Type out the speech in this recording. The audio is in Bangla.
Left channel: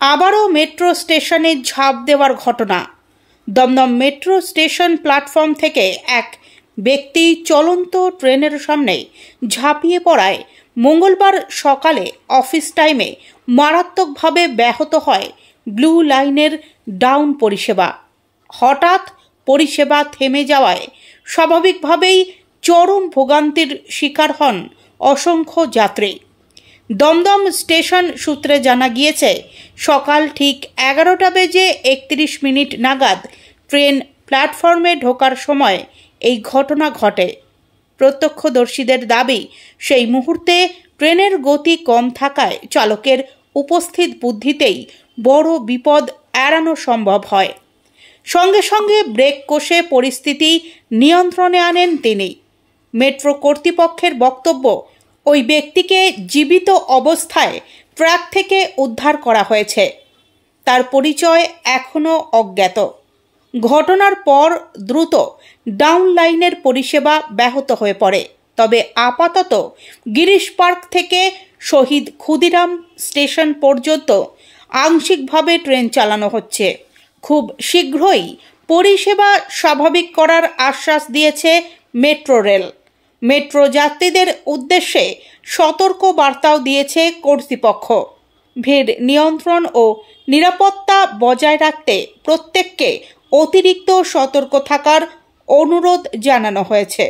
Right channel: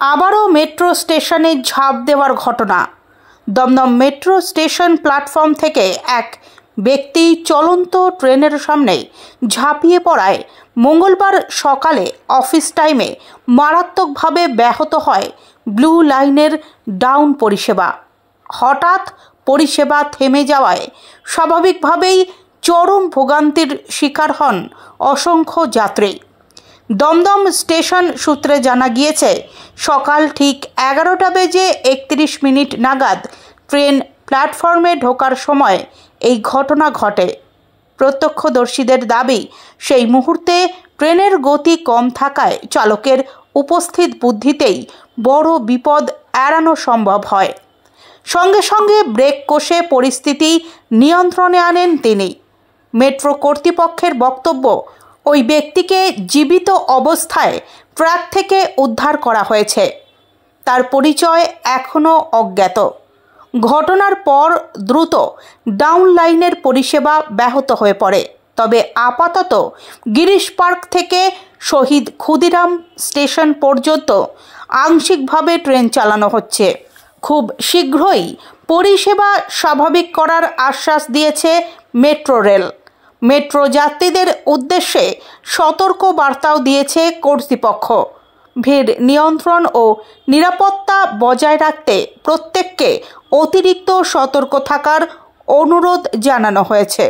আবারও মেট্রো স্টেশনে ঝাঁপ দেওয়ার ঘটনা। দমদম মেট্রো স্টেশন প্ল্যাটফর্ম থেকে এক ব্যক্তি চলন্ত ট্রেনের সামনে ঝাঁপিয়ে পড়ায় মঙ্গলবার সকালে অফিস টাইমে মারাত্মকভাবে ব্যাহত হয় ব্লু লাইনের ডাউন পরিষেবা। হঠাৎ পরিষেবা থেমে যাওয়ায় স্বাভাবিকভাবেই চরম ভোগান্তির শিকার হন অসংখ্য যাত্রী। দমদম স্টেশন সূত্রে জানা গিয়েছে, সকাল ঠিক 11:31 নাগাদ ট্রেন প্ল্যাটফর্মে ঢোকার সময় এই ঘটনা ঘটে। প্রত্যক্ষদর্শীদের দাবি, সেই মুহূর্তে ট্রেনের গতি কম থাকায় চালকের উপস্থিত বুদ্ধিতেই বড় বিপদ এড়ানো সম্ভব হয়। সঙ্গে সঙ্গে ব্রেক কষে পরিস্থিতি নিয়ন্ত্রণে আনেন তিনি। মেট্রো কর্তৃপক্ষের বক্তব্য, ওই ব্যক্তিকে জীবিত অবস্থায় ট্র্যাক থেকে উদ্ধার করা হয়েছে। তার পরিচয় এখনও অজ্ঞাত। ঘটনার পর দ্রুত ডাউন লাইনের পরিষেবা ব্যাহত হয়ে পড়ে। তবে আপাতত গিরিশ পার্ক থেকে শহীদ ক্ষুদিরাম স্টেশন পর্যন্ত আংশিকভাবে ট্রেন চালানো হচ্ছে। খুব শীঘ্রই পরিষেবা স্বাভাবিক করার আশ্বাস দিয়েছে মেট্রো রেল। মেট্রো যাত্রীদের উদ্দেশ্যে সতর্ক বার্তাও দিয়েছে কর্তৃপক্ষ। ভিড় নিয়ন্ত্রণ ও নিরাপত্তা বজায় রাখতে প্রত্যেককে অতিরিক্ত সতর্ক থাকার অনুরোধ জানানো হয়েছে।